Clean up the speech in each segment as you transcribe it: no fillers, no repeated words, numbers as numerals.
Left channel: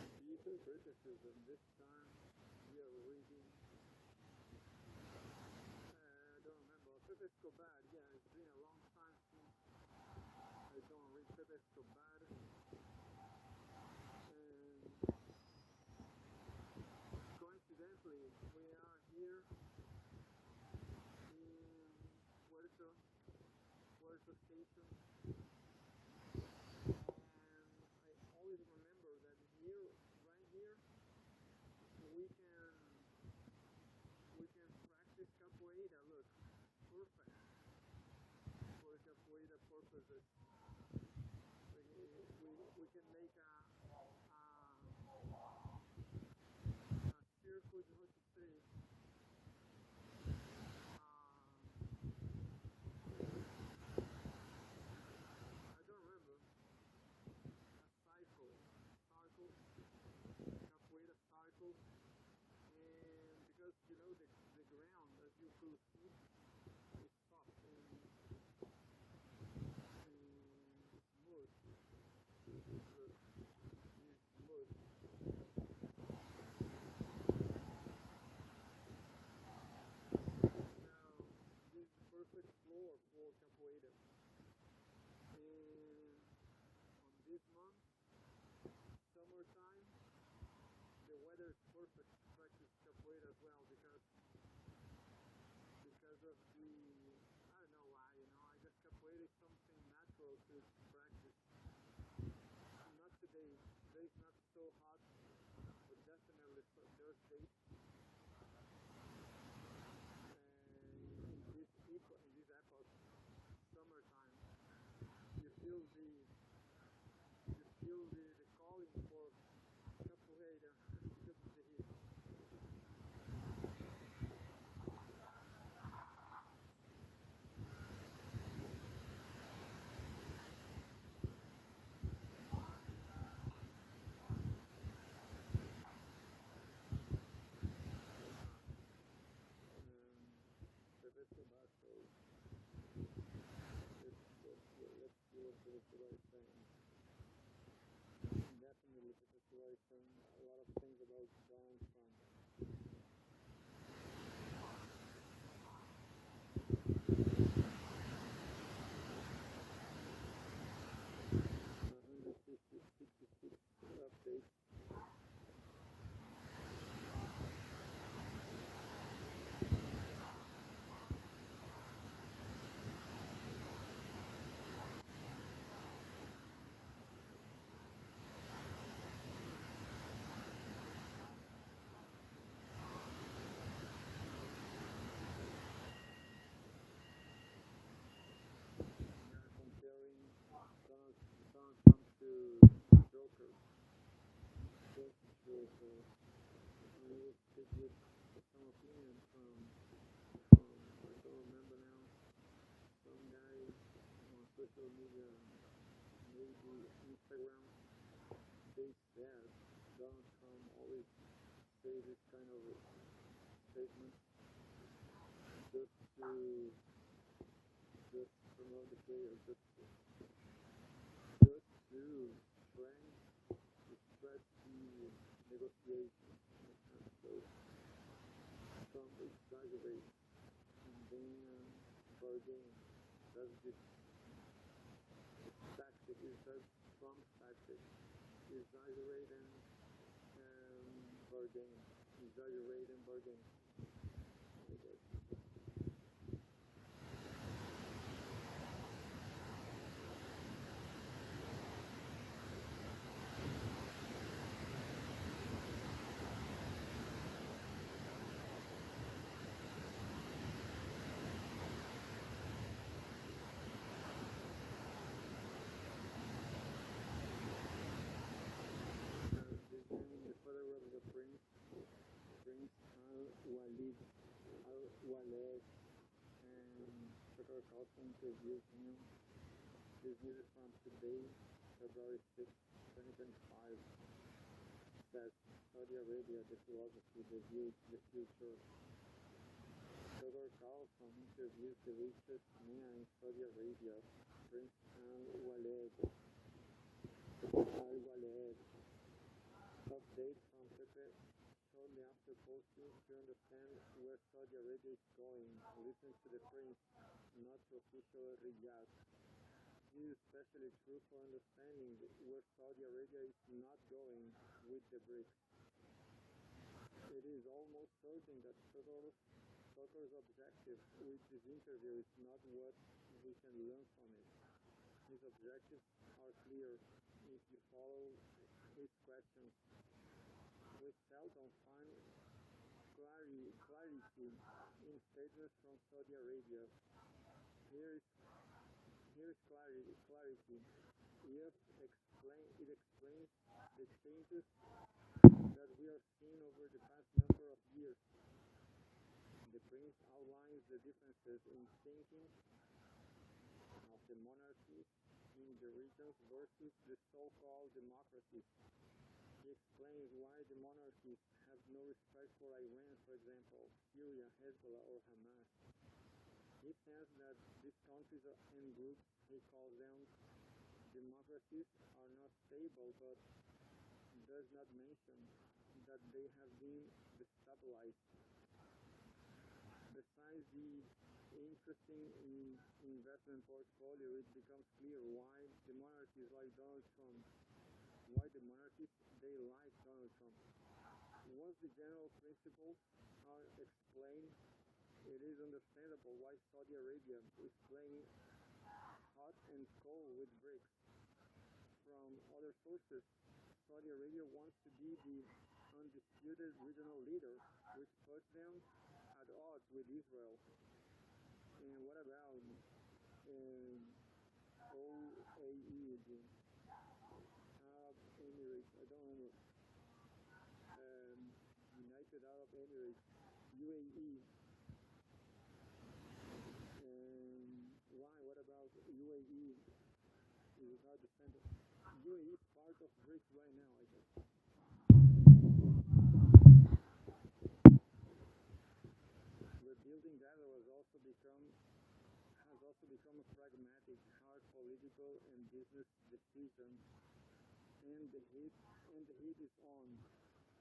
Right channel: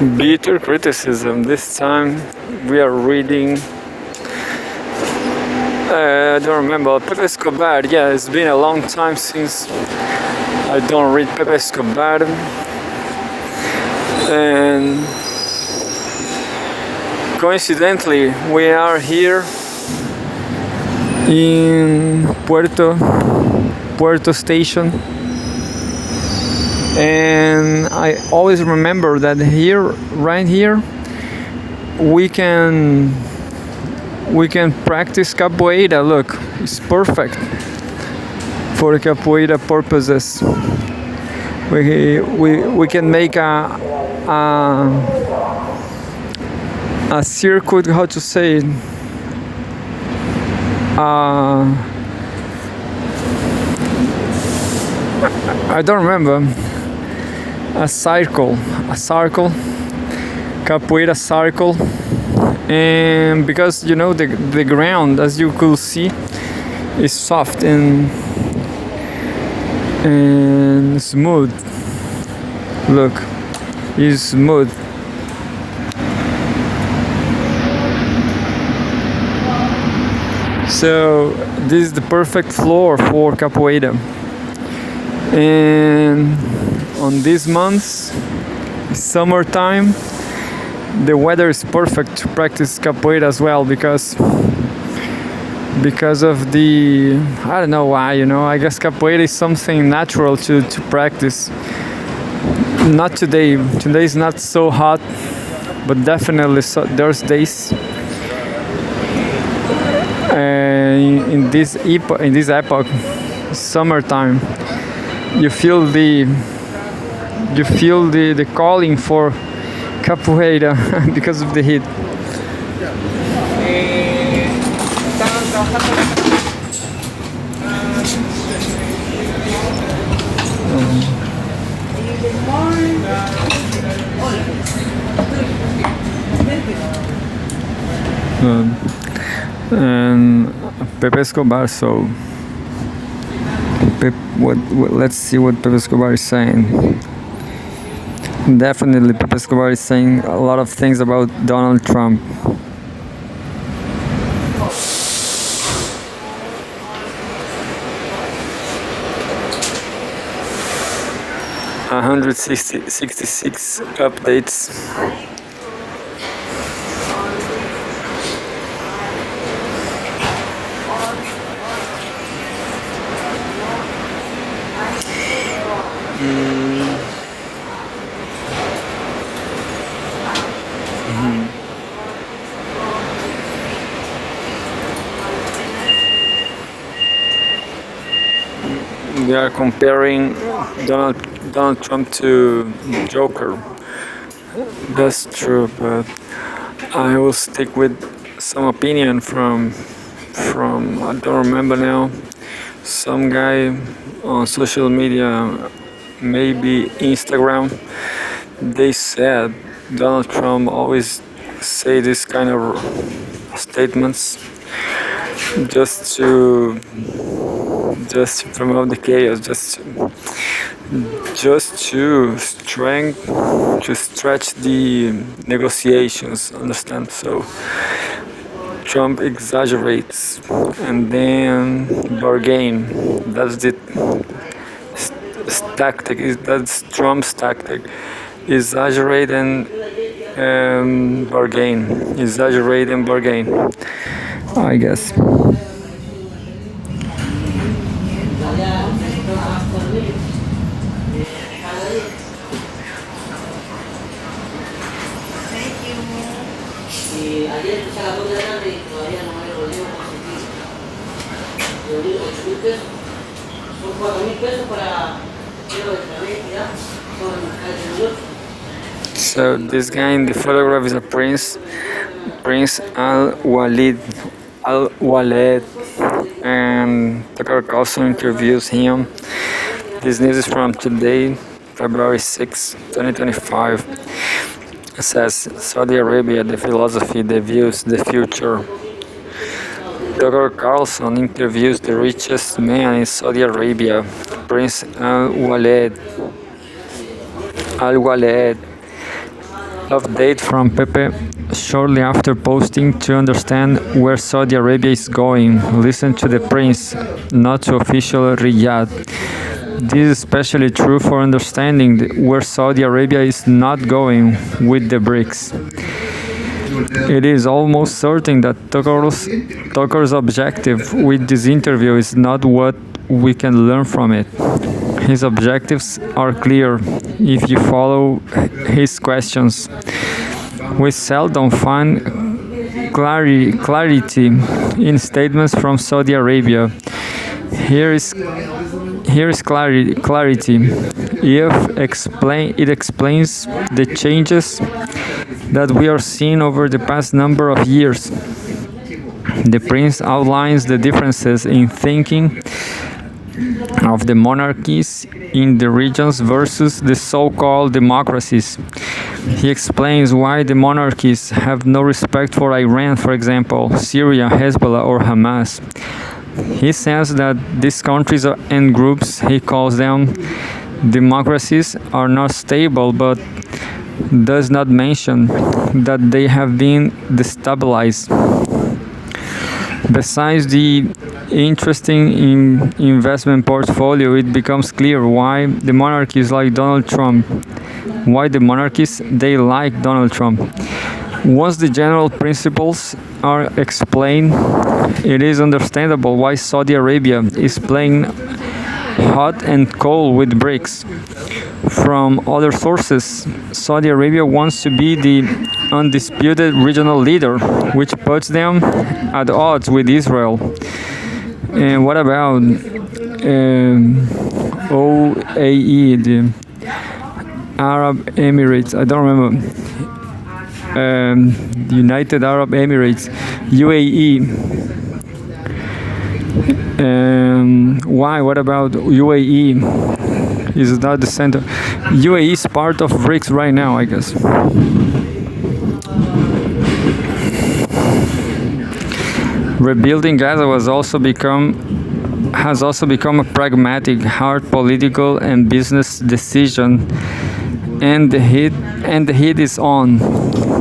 Bitter criticism. This time we are reading. I don't remember. Pepe Escobar. Yeah, it's been a long time since I don't read Pepe Escobar. And coincidentally, we are here in Puerto Station. And I always remember that here, right here, we can practice capoeira. Look, it's perfect for capoeira purposes. We can make a circuit. How to say it? I don't remember. A circle, capoeira circle. And because the ground, as you could see, is soft and smooth. Look, it's smooth. So this is the perfect floor for capoeira. And on these months, summertime, the weather is perfect to practice capoeira as well because of the, I don't know why, I guess capoeira is something natural to practice. Not today. Today is not so hot, but definitely there's days in this epoch, summertime, you feel the calling for capoeira because of the heat. And Pepe Escobar. So, let's see what Pepe Escobar is saying. Definitely, Pepe Escobar is saying a lot of things about Donald Trump. $166 updates. They are comparing Donald Trump to Joker. That's true, but I will stick with some opinion from I don't remember now, some guy on social media, maybe Instagram. They said Donald Trump always say this kind of statements just to promote the chaos, just to stretch the negotiations. Understand? So Trump exaggerates and then bargain. That's the tactic. That's Trump's tactic. Exaggerate and bargain. Exaggerate and bargain. I guess. So this guy in the photograph is a Prince Al Walid, and Tucker Carlson interviews him. This news is from today, February 6, 2025. It says Saudi Arabia, the philosophy, the views, the future. Tucker Carlson interviews the richest man in Saudi Arabia, Prince Al Walid. Update from Pepe shortly after posting to understand where Saudi Arabia is going. Listen to the prince, not to official Riyadh. This is especially true for understanding where Saudi Arabia is not going with the BRICS. It is almost certain that Tucker's objective with this interview is not what we can learn from it. His objectives are clear if you follow his questions. We seldom find clarity in statements from Saudi Arabia. Here is clarity. It explains the changes that we are seeing over the past number of years. The prince outlines the differences in thinking of the monarchies in the regions versus the so-called democracies. He explains why the monarchies have no respect for Iran, for example, Syria, Hezbollah, or Hamas. He says that these countries and groups, he calls them democracies, are not stable, but does not mention that they have been destabilized. Besides the interesting investment portfolio, it becomes clear why the monarchies like Donald Trump. Why the monarchies they like Donald Trump. Once the general principles are explained, it is understandable why Saudi Arabia is playing hot and cold with BRICS. From other sources, Saudi Arabia wants to be the undisputed regional leader, which puts them at odds with Israel. And what about OAE, the Arab Emirates? I don't remember. United Arab Emirates, UAE. Why? What about UAE? Is that the center? UAE is part of BRICS right now, I guess. Rebuilding Gaza has also become a pragmatic, hard political and business decision, and the heat is on.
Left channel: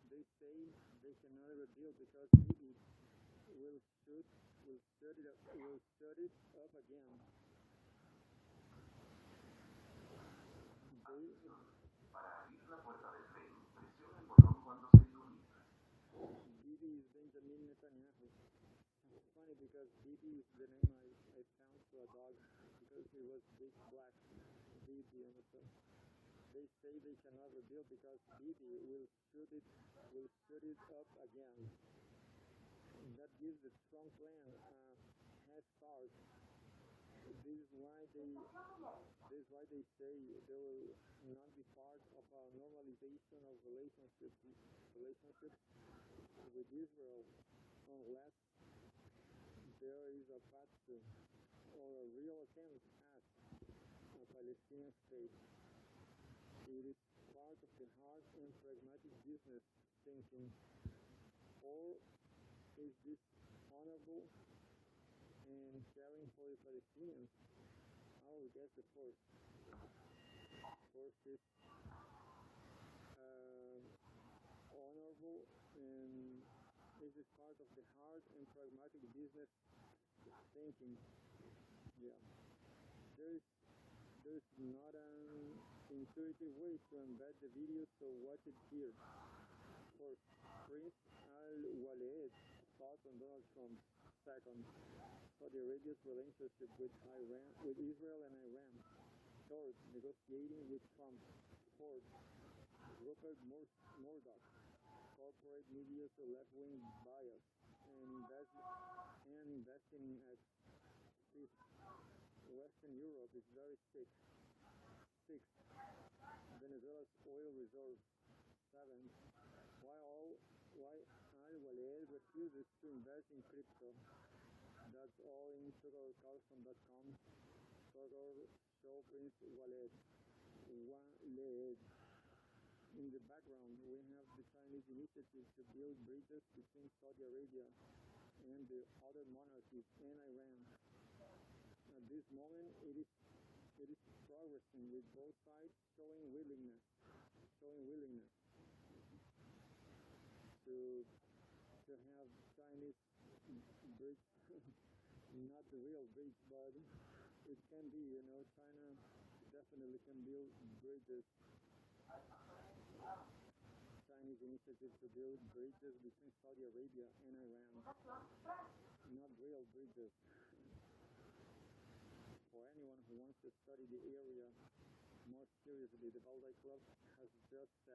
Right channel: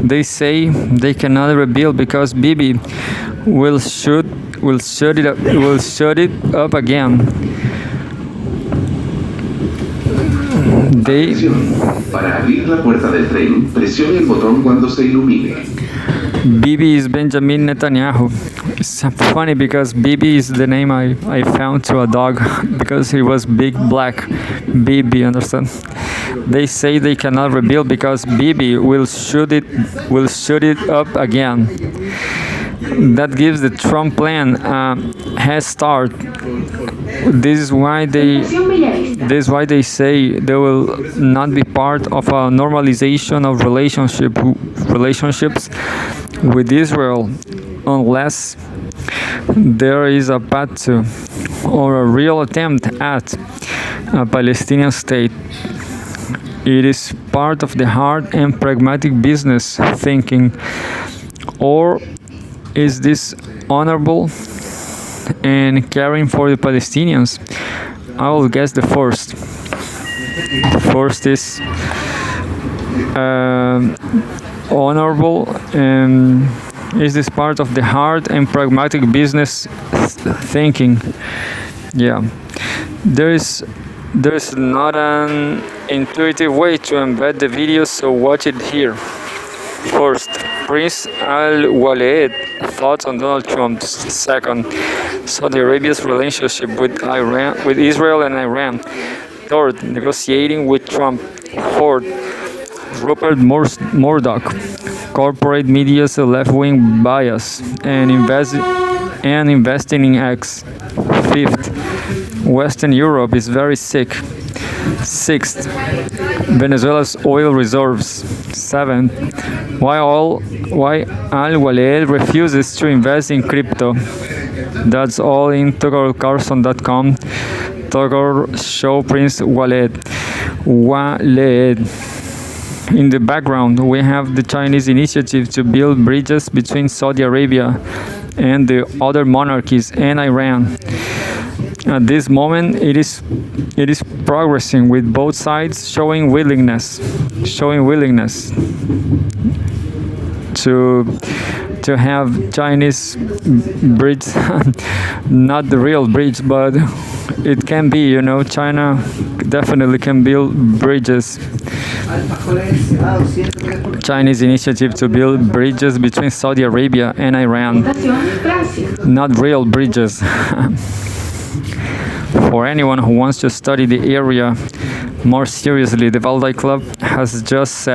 They say they cannot rebuild because Bibi will shut it up again. Para abrir la puerta del tren, presione el botón cuando se ilumine. Bibi is Benjamin Netanyahu. It's funny because Bibi is the name I found to a dog because he was big black. Bibi, understand? They say they cannot rebuild because Bibi will shut it up again. That gives the Trump plan a head start. This is why they say they will not be part of a normalization of relationships with Israel unless there is a path to or a real attempt at a Palestinian state. It is part of the hard and pragmatic business thinking. Or is this honorable and caring for the Palestinians? I will guess the first. First is honorable, and is this part of the hard and pragmatic business thinking? Yeah, there's not an intuitive way to embed the video, so watch it here. First, Prince Al-Waleed thoughts on Donald Trump. Second, Saudi Arabia's relationship with Israel and Iran. Third, negotiating with Trump. Fourth, Rupert Murdoch, corporate media's left-wing bias, and investing in X. Fifth, Western Europe is very sick. Sixth, Venezuela's oil reserves. Seventh, why Al-Waleed refuses to invest in crypto. That's all in TuckerCarlson.com. Tucker show Prince Waleed. In the background, we have the Chinese initiative to build bridges between Saudi Arabia and the other monarchies and Iran. At this moment, it is progressing with both sides showing willingness to have Chinese bridge, not the real bridge, but it can be. China definitely can build bridges. Chinese initiative to build bridges between Saudi Arabia and Iran, not real bridges. For anyone who wants to study the area more seriously, the Valdai Club has just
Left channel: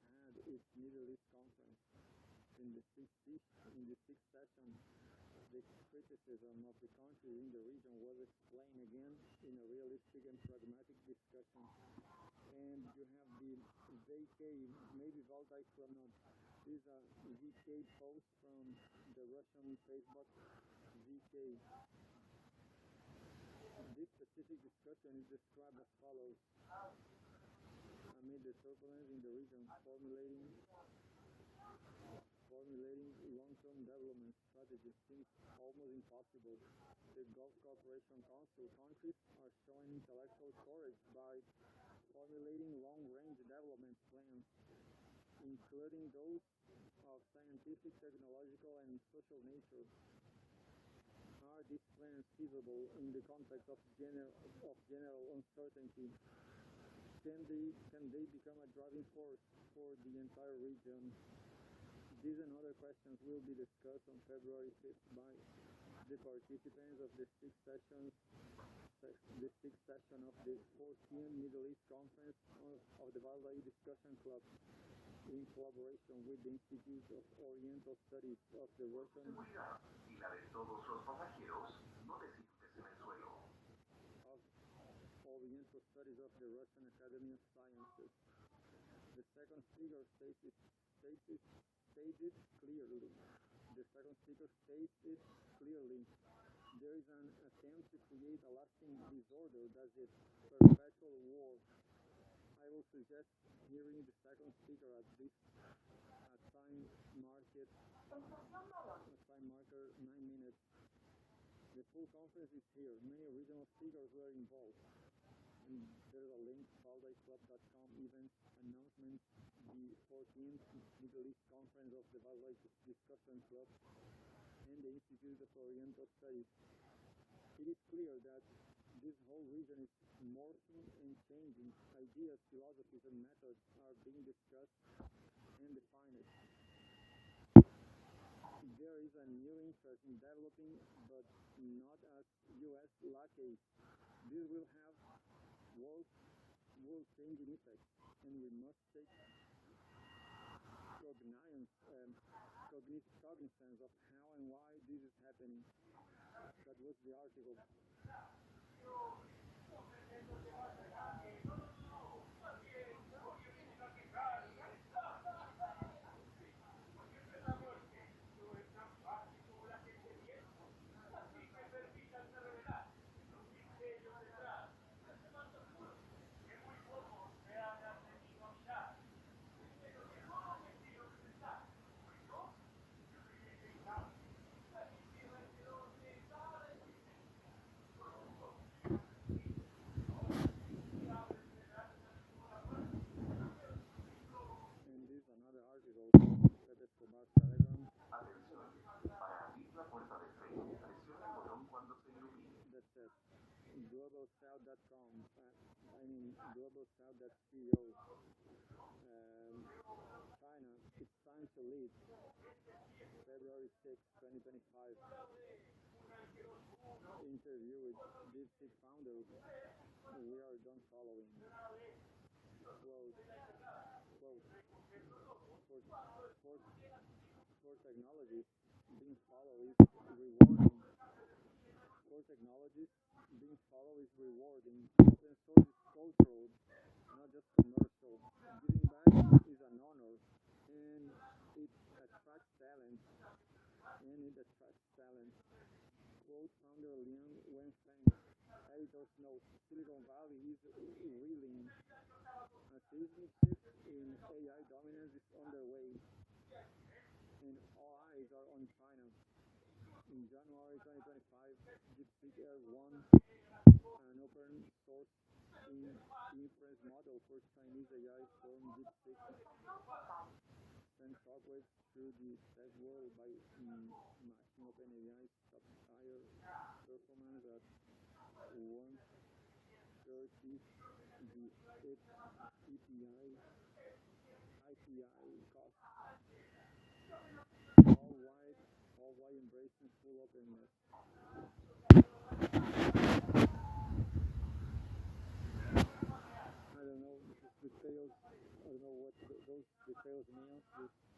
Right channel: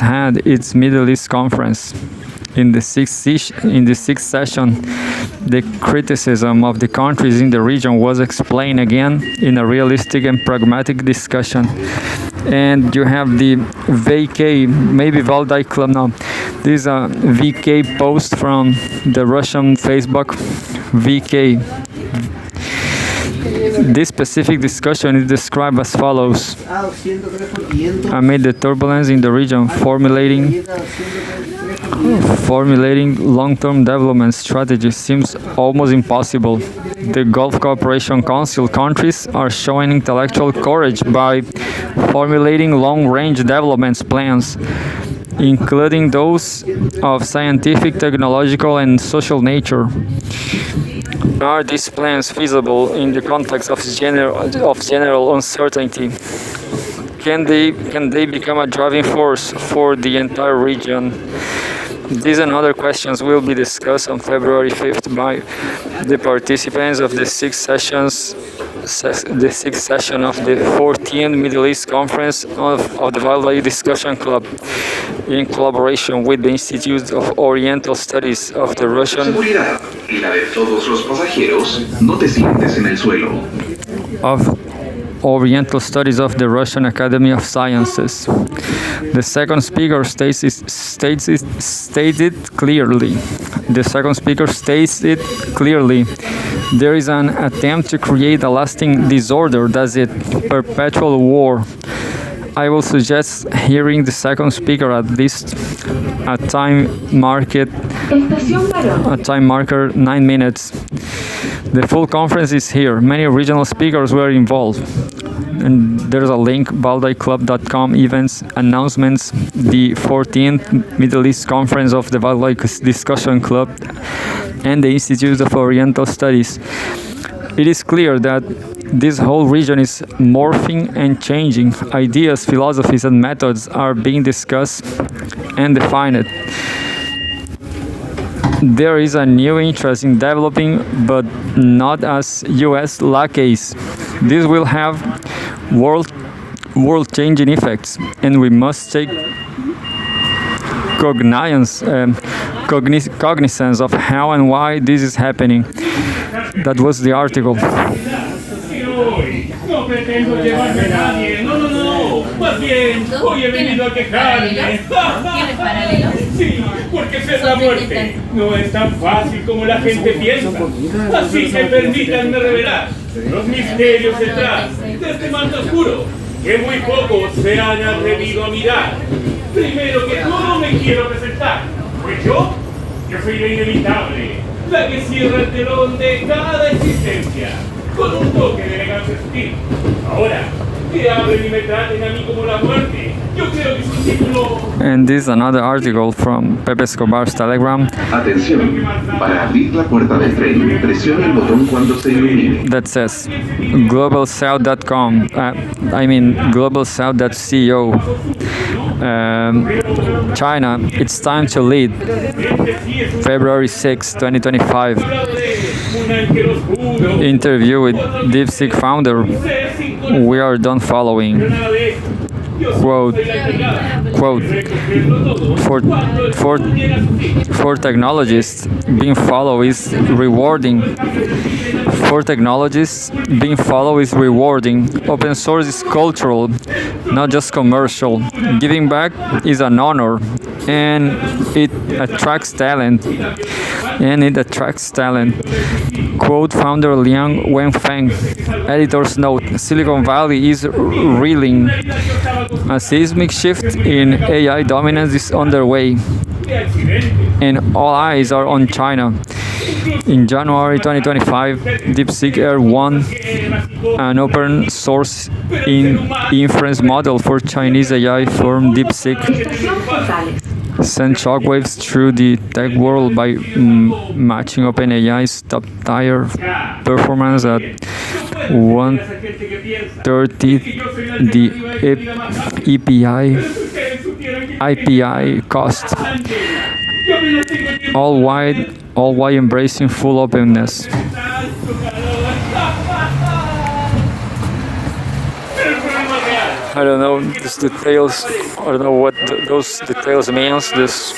had its Middle East conference. In the sixth session, the criticism of the countries in the region was explained again in a realistic and pragmatic discussion. And you have the VK, maybe Valdai Club now. This is a VK post from the Russian Facebook. VK. This specific discussion is described as follows. Amid the turbulence in the region, formulating long-term development strategies seems almost impossible. The Gulf Cooperation Council countries are showing intellectual courage by formulating long-range development plans, including those of scientific, technological, and social nature. Are these plans feasible in the context of general uncertainty? Can they become a driving force for the entire region? These and other questions will be discussed on February 5th by the participants of the sixth session of the 14th Middle East Conference of the Valdai Discussion Club, in collaboration with the Institute of Oriental Studies of the Russian Seguridad y la de todos los pasajeros, no te sientes en el suelo. of Oriental Studies of the Russian Academy of Sciences. The second speaker states it clearly. There is an attempt to create a lasting disorder, that's it, perpetual war. I will suggest hearing the second speaker at least a time marker 9 minutes. The full conference is here. Many regional speakers were involved. And there's a link, valdaiclub.com, events, announcements, the 14th Middle East Conference of the Valdai Discussion Club and the Institute of Oriental Studies. It is clear that this whole region is morphing and changing. Ideas, philosophies, and methods are being discussed and defined. There is a new interest in developing, but not as US lackeys. This will have world-changing effects, and we must take cognizance of how and why this is happening. That was the article. No pretendo llevarme a nadie. No. Más bien, hoy he venido a quejarme. ¿Tienes paralelos? Sí, porque ser la muerte no es tan fácil como la gente piensa. Así que permítanme revelar los misterios detrás de este manto oscuro que muy pocos se han atrevido a mirar. Primero que todo me quiero presentar. Pues yo soy la inevitable, la que cierra el telón de cada existencia, con un toque de elegancia sutil. Ahora, que hablen y me traten a mí como la muerte, yo creo que su título... And this is another article from Pepe Escobar's Telegram. Atención, para abrir la puerta del tren, presione el botón cuando se ilumine. That says globalsouth.com, globalsouth.co. China, it's time to lead. February 6, 2025. Interview with DeepSeek founder. We are done following. Quote, for technologists, being followed is rewarding. Open source is cultural, not just commercial. Giving back is an honor, and it attracts talent. Quote founder Liang Wenfeng. Editor's note: Silicon Valley is reeling. A seismic shift in AI dominance is underway, and all eyes are on China. In January 2025, DeepSeek Air won an open source inference model for Chinese AI firm DeepSeek sent shockwaves through the tech world by matching OpenAI's top-tier performance at 1/30 the IPI cost, all while embracing full openness. I don't know these details. I don't know what those details means. This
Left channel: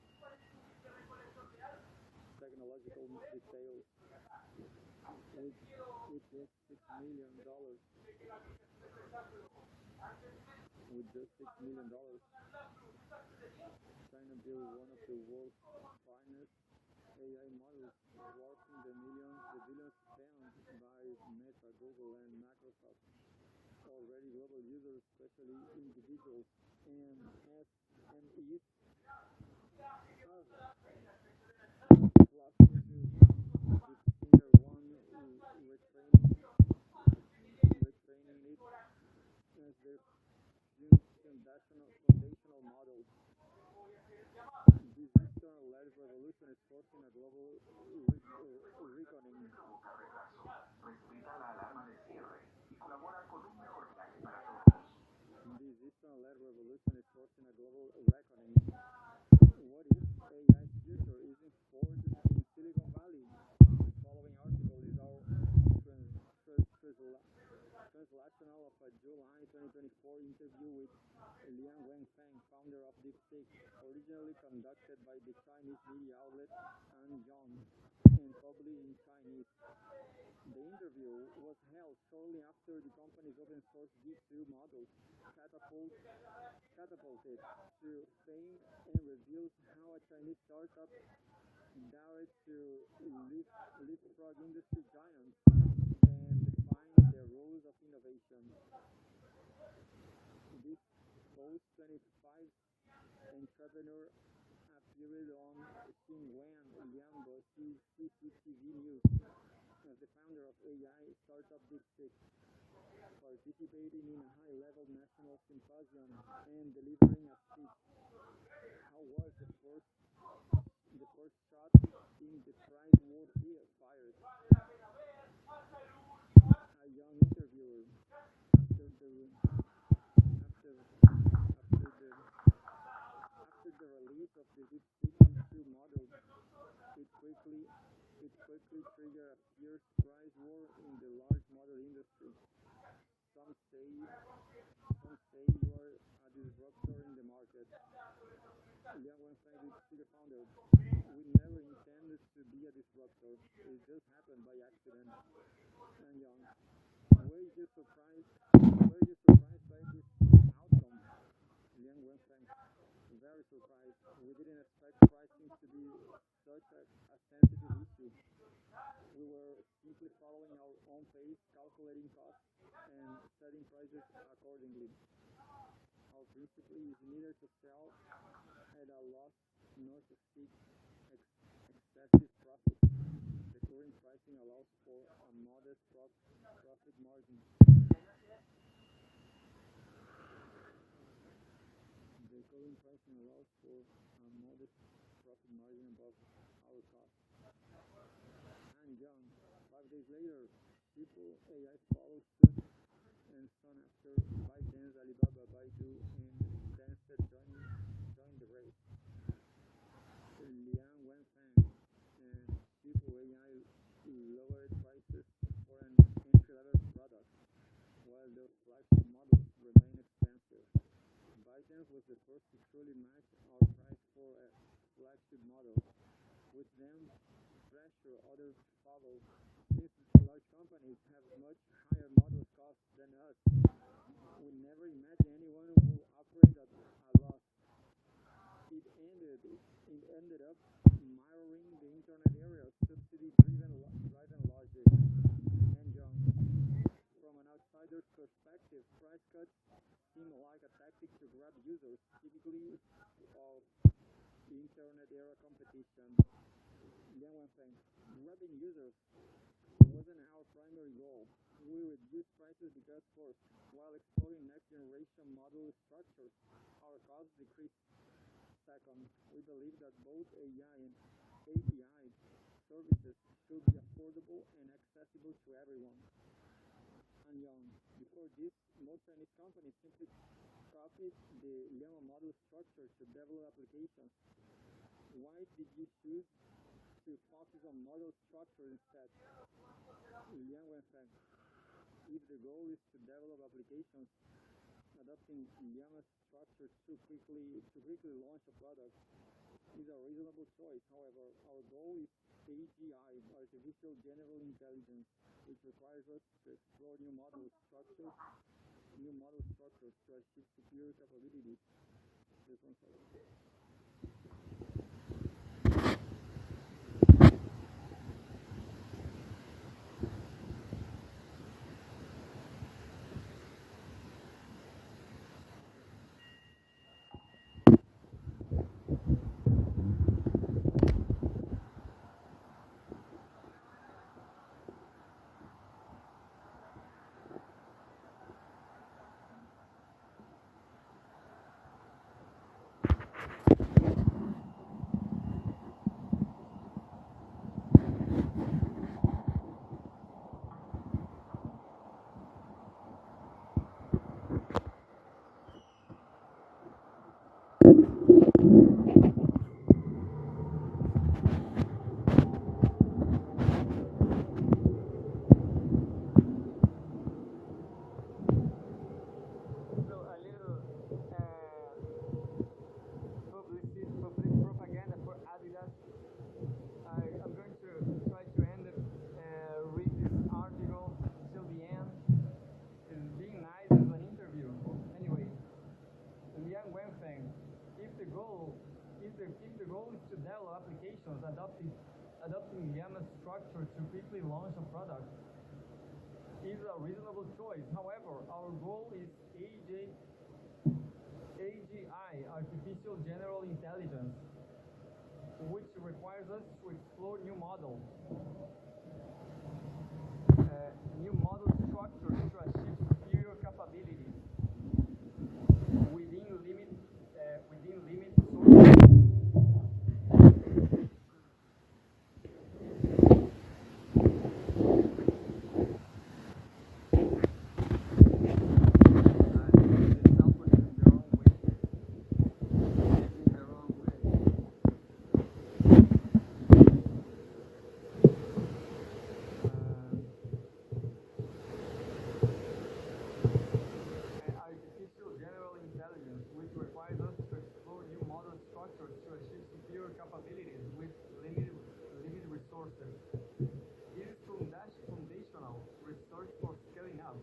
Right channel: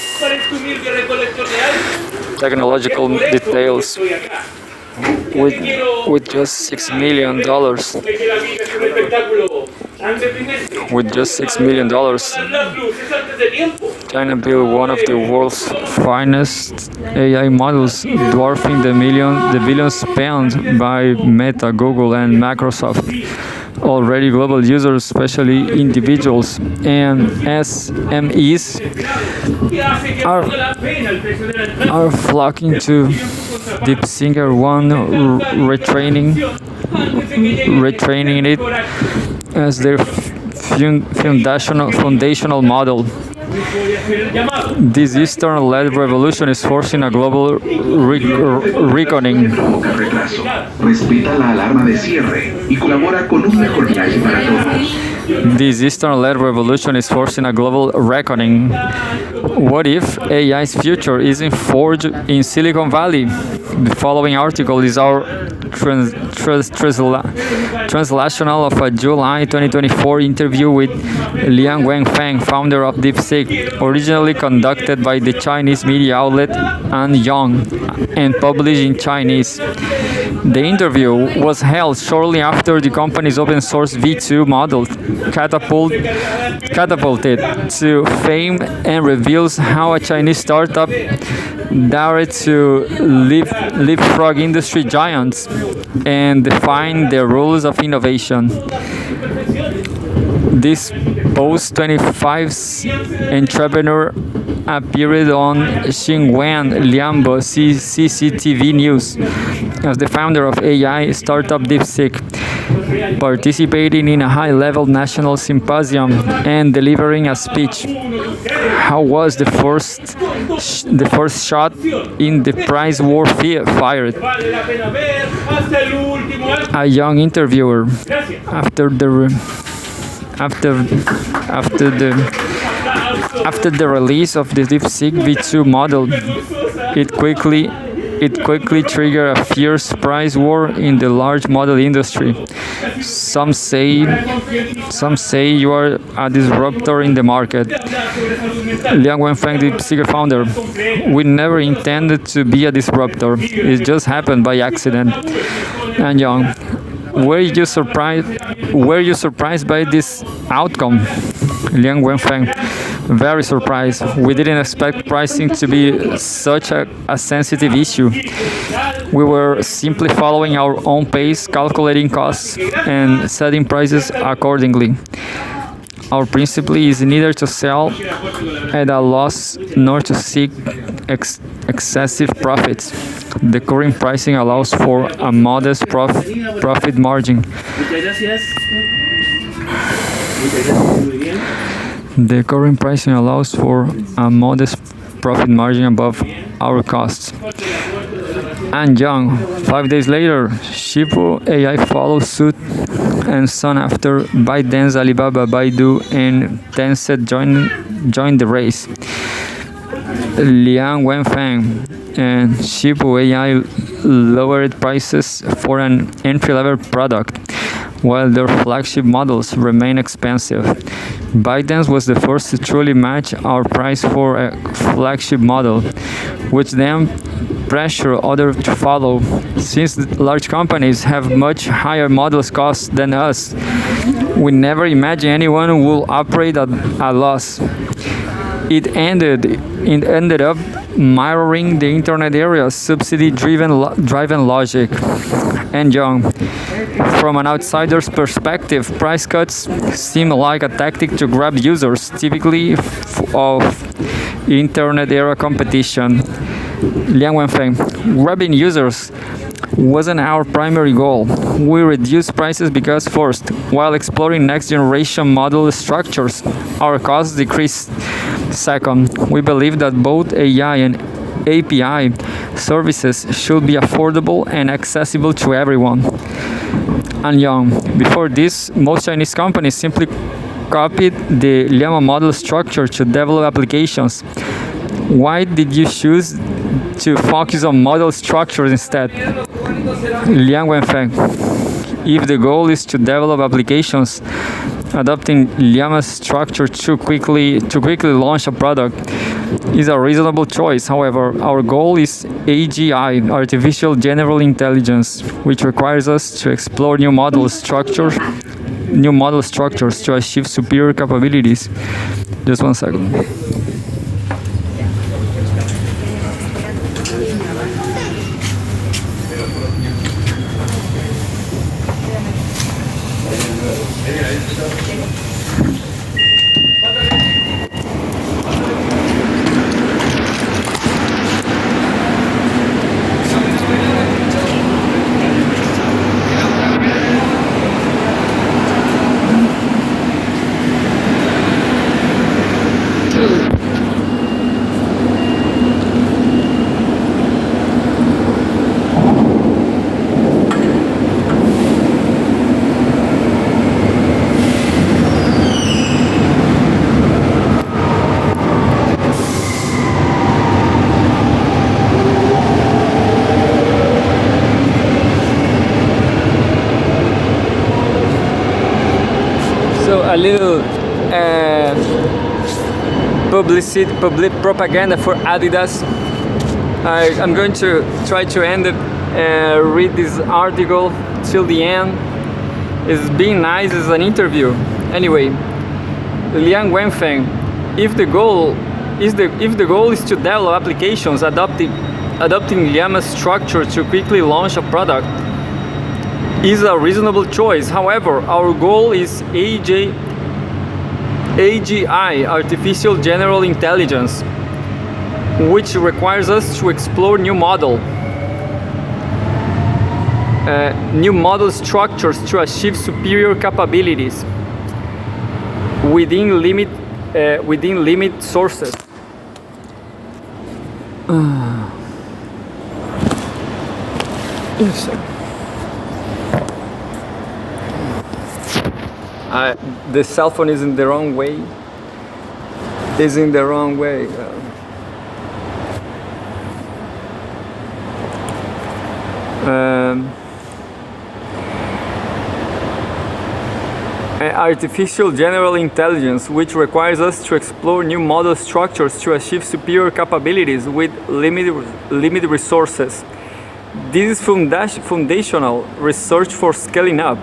technological details. With just $6 million. With just $6 million, China built one of the world's finest AI models, dwarfing the billions spent by Meta, Google, and Microsoft. Already global users, especially individuals and SMEs, are flocking to DeepSeek One, retraining it as their foundational model. This Eastern-led revolution is forcing a global reckoning. Provoca retraso, respeta la alarma de cierre y colabora con un mejor viaje para todos. This Eastern-led revolution is forcing a global reckoning. What if AI's future isn't forged in Silicon Valley? The following article is our translational of a July 2024 interview with Liang Wenfeng, founder of DeepSeek, originally conducted by the Chinese media outlet Anyang and published in Chinese. The interview was held shortly after the company's open source V2 model catapulted to fame and reveals how a Chinese startup dared to leapfrog industry giants and define the rules of innovation. This post-25's entrepreneur appeared on Xinhuan Lianbo CCTV News as the founder of AI startup DeepSeek, participating in a high-level national symposium and delivering a speech. How was the first shot in the prize war fired? A young interviewer, after the release of the DeepSeek V2 model, it quickly triggered a fierce price war in the large model industry. Some say you are a disruptor in the market. Liang Wenfeng, the DeepSeek founder, we never intended to be a disruptor. It just happened by accident. And Young, were you surprised by this outcome? Liang Wenfeng, very surprised. We didn't expect pricing to be such a sensitive issue. We were simply following our own pace, calculating costs, and setting prices accordingly. Our principle is neither to sell at a loss nor to seek excessive profits. The current pricing allows for a modest profit margin. The current pricing allows for a modest profit margin above our costs. And Young, 5 days later, Shipu AI followed suit, and soon after, ByteDance, Alibaba, Baidu, and Tencent joined the race. Liang Wenfeng and Shipu AI lowered prices for an entry-level product, while their flagship models remain expensive. ByteDance was the first to truly match our price for a flagship model, which then pressure others to follow. Since large companies have much higher models costs than us, we never imagined anyone will operate at a loss. It ended up mirroring the internet era's subsidy-driven logic. And Young, from an outsider's perspective, price cuts seem like a tactic to grab users, typically of internet era competition. Liang Wenfeng, grabbing users wasn't our primary goal. We reduced prices because first, while exploring next generation model structures, our costs decreased. Second, we believe that both AI and API services should be affordable and accessible to everyone. And young, before this, most Chinese companies simply copied the Llama model structure to develop applications. Why did you choose to focus on model structures instead? Liang Wenfeng, if the goal is to develop applications, adopting Llama's structure to quickly launch a product is a reasonable choice. However, our goal is AGI, artificial general intelligence, which requires us to explore new model structures to achieve superior capabilities. Just one second. A little public propaganda for Adidas. I'm going to try to end it, read this article till the end. It's being nice, it's an interview. Anyway, Liang Wenfeng, if the goal is to develop applications adopting Llama's structure to quickly launch a product, is a reasonable choice. However, our goal is AGI, artificial general intelligence, which requires us to explore new model structures to achieve superior capabilities within limit sources. The cell phone is in the wrong way. Artificial general intelligence, which requires us to explore new model structures to achieve superior capabilities with limited resources. This is foundational research for scaling up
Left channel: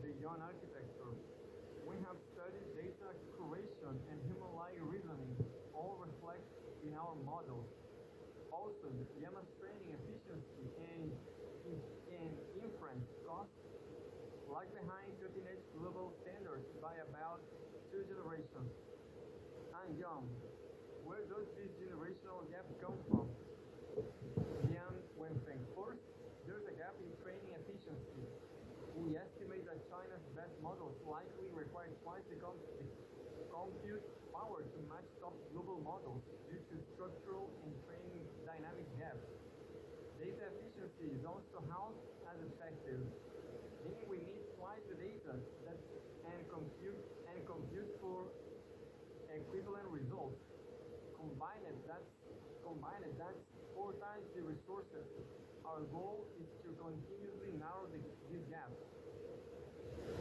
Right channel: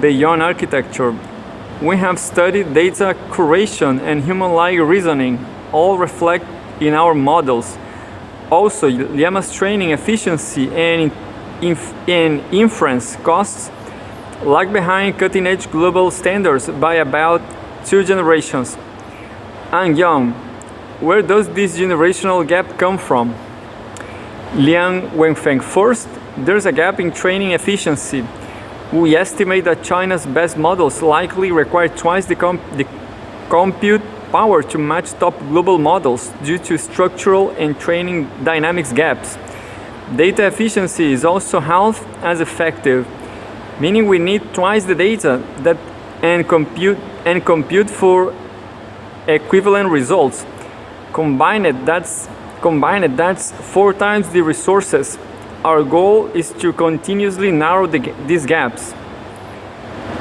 beyond architecture. We have studied data curation and human-like reasoning, all reflect in our models. Also, Llama's training efficiency and inference costs lag behind cutting-edge global standards by about 2 generations. And young, where does this generational gap come from? Liang Wenfeng, first, there's a gap in training efficiency. We estimate that China's best models likely require twice the compute power to match top global models due to structural and training dynamics gaps. Data efficiency is also half as effective, meaning we need twice the data and compute for equivalent results. Combined, that's 4 times the resources. Our goal is to continuously narrow these gaps.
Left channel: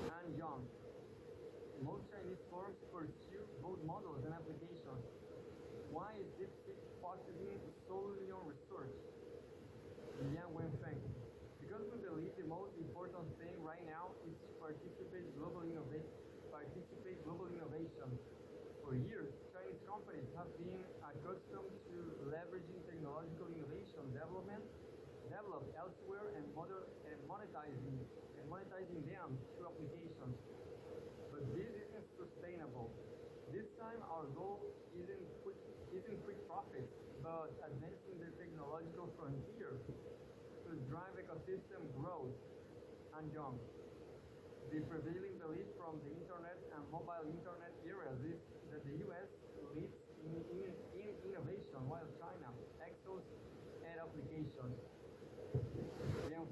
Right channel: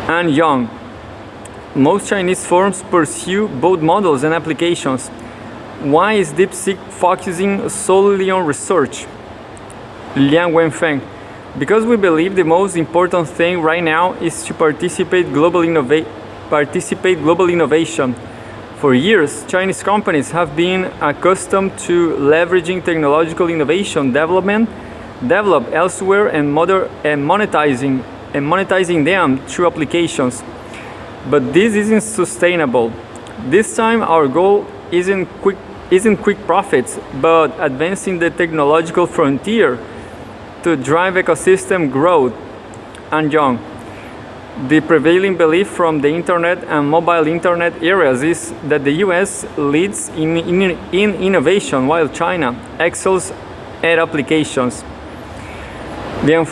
And young, most Chinese firms pursue both models and applications. Why is DeepSeek focusing solely on research? Liang Wenfeng, because we believe the most important thing right now is to participate global innovation. For years, Chinese companies have been accustomed to leveraging technological innovation developed elsewhere and monetizing them through applications. But this isn't sustainable. This time our goal isn't isn't quick profits, but advancing the technological frontier to drive ecosystem growth. And John, the prevailing belief from the internet and mobile internet areas is that the US leads in innovation while China excels at applications. Liang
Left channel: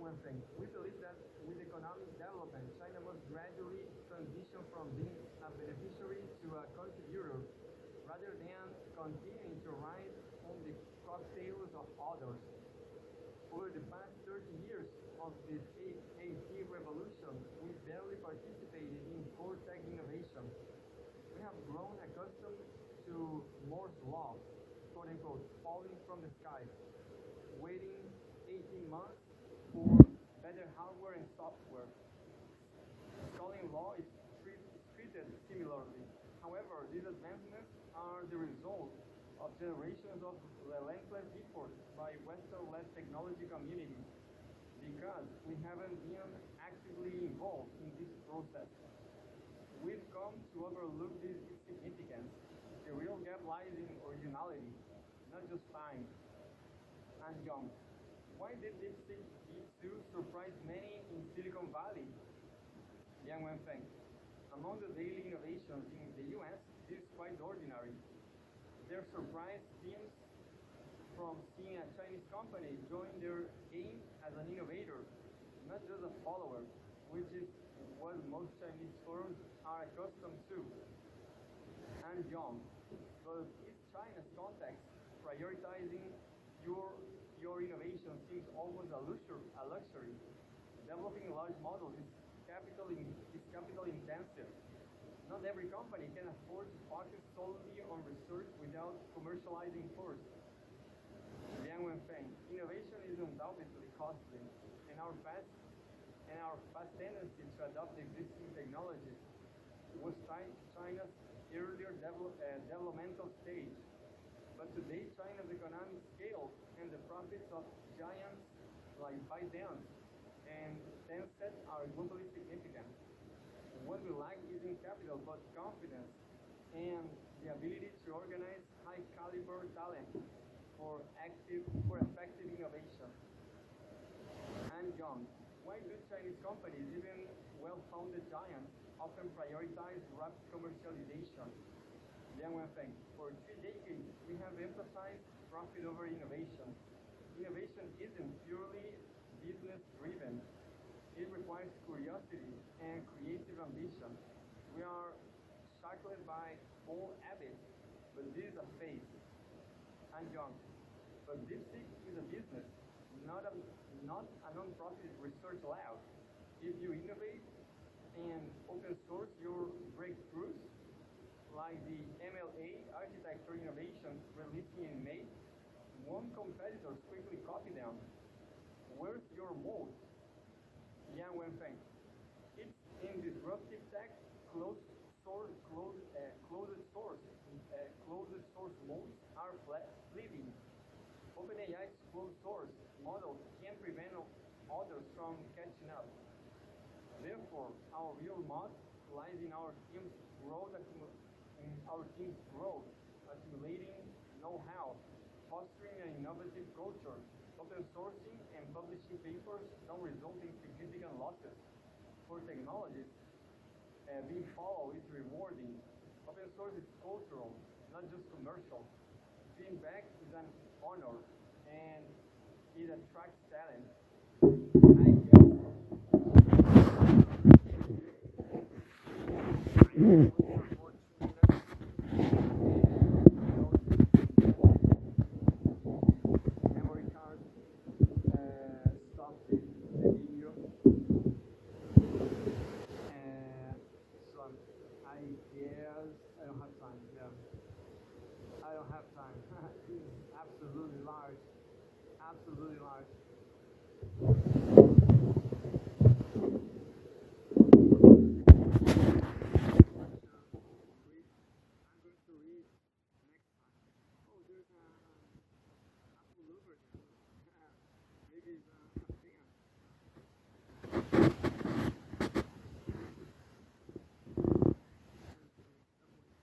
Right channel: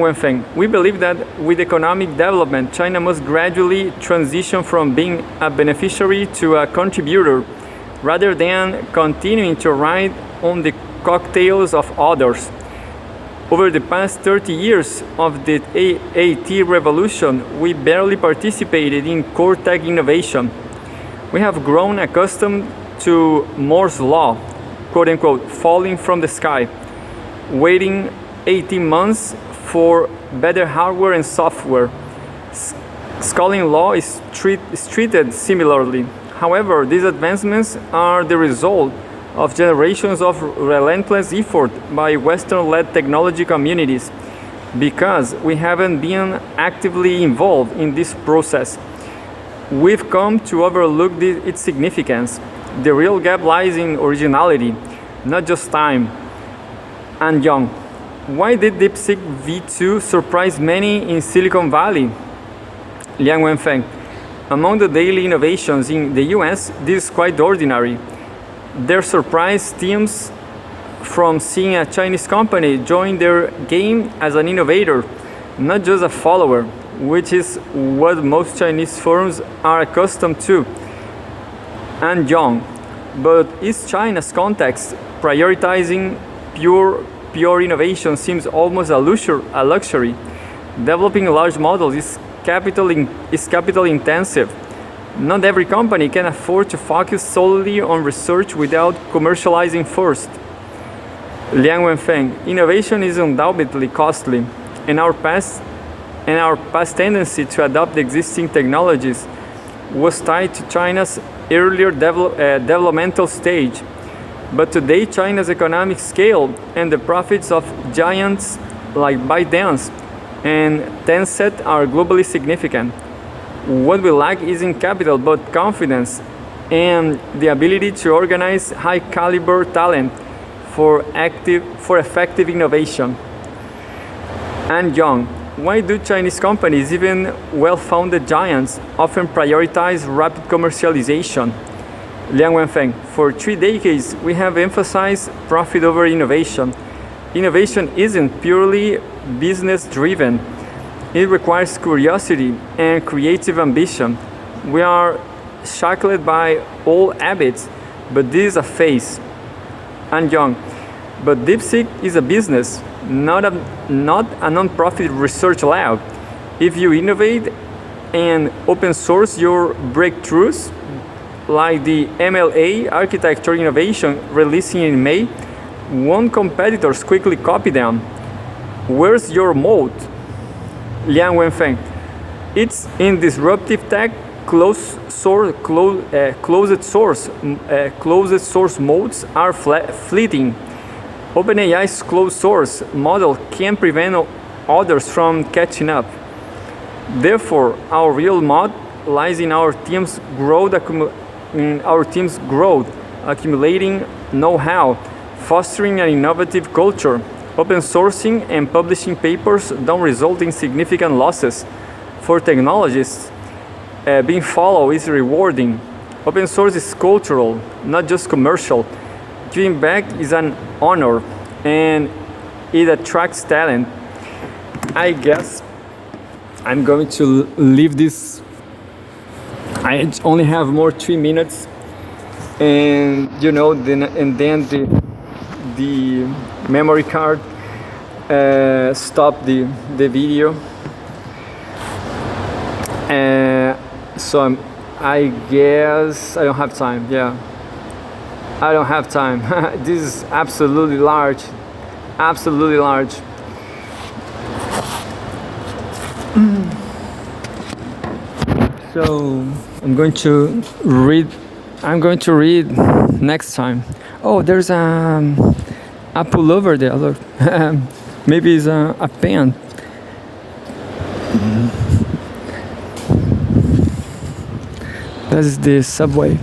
Wenfeng, we believe that with economic development, China must gradually transition from being a beneficiary to a contributor rather than continuing to ride on the cocktails of others. Over the past 30 years of the AT revolution, we barely participated in core tech innovation. We have grown accustomed to Moore's law, quote unquote, falling from the sky, waiting 18 months for better hardware and software. Scaling law is treated similarly. However, these advancements are the result of generations of relentless effort by Western-led technology communities. Because we haven't been actively involved in this process, we've come to overlook its significance. The real gap lies in originality, not just time. And Young, why did DeepSeek V2 surprise many in Silicon Valley? Liang Wenfeng, among the daily innovations in the US, this is quite ordinary. Their surprise stems from seeing a Chinese company join their game as an innovator, not just a follower, which is what most Chinese firms are accustomed to. And Young, but is China's context prioritizing pure innovation seems almost a luxury. Developing large models is capital intensive. Not every company can afford to focus solely on research without commercializing first. Liang Wenfeng, innovation is undoubtedly costly, and our past tendency to adopt existing technologies was tied to China's earlier developmental stage. But today, China's economic scale and the profits of giants like ByteDance and Tencent are globally significant. What we lack isn't capital, but confidence and the ability to organize high-caliber talent for effective innovation. And Young, why do Chinese companies, even well-founded giants, often prioritize rapid commercialization? Liang Wenfeng, for 3 decades, we have emphasized profit over innovation. Innovation isn't purely business-driven. It requires curiosity and creative ambition. We are shackled by old habits, but this is a phase. And Young, but DeepSeek is a business, not a non-profit research lab. If you innovate and open source your breakthroughs, like the MLA architecture innovation releasing in May, won't competitors quickly copy them? Where's your moat? Liang Wenfeng, it's in disruptive tech, closed source modes are fleeting. OpenAI's closed source model can prevent others from catching up. Therefore, our real moat lies in our team's growth, accumulating know-how, fostering an innovative culture. Open sourcing and publishing papers don't result in significant losses. For technologists, being followed is rewarding. Open source is cultural, not just commercial. Giving back is an honor, and it attracts talent. I guess I'm going to leave this. I only have more 3 minutes, and then the memory card stopped the video. So I guess I don't have time. Yeah, I don't have time. This is absolutely large. So I'm going to read next time. Oh, there's a pullover there. Look, maybe it's a pen. That's the subway.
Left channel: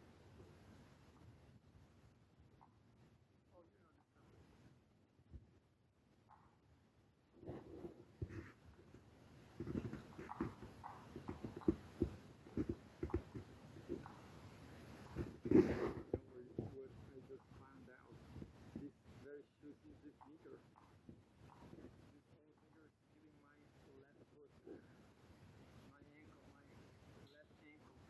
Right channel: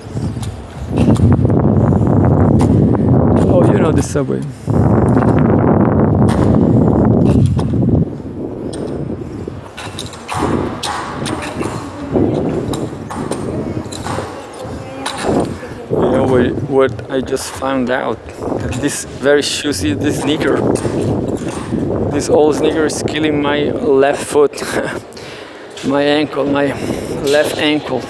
the subway. You know what I just found out? This very shoesy, this sneaker. This old sneaker is killing my left foot. My ankle, my left ankle.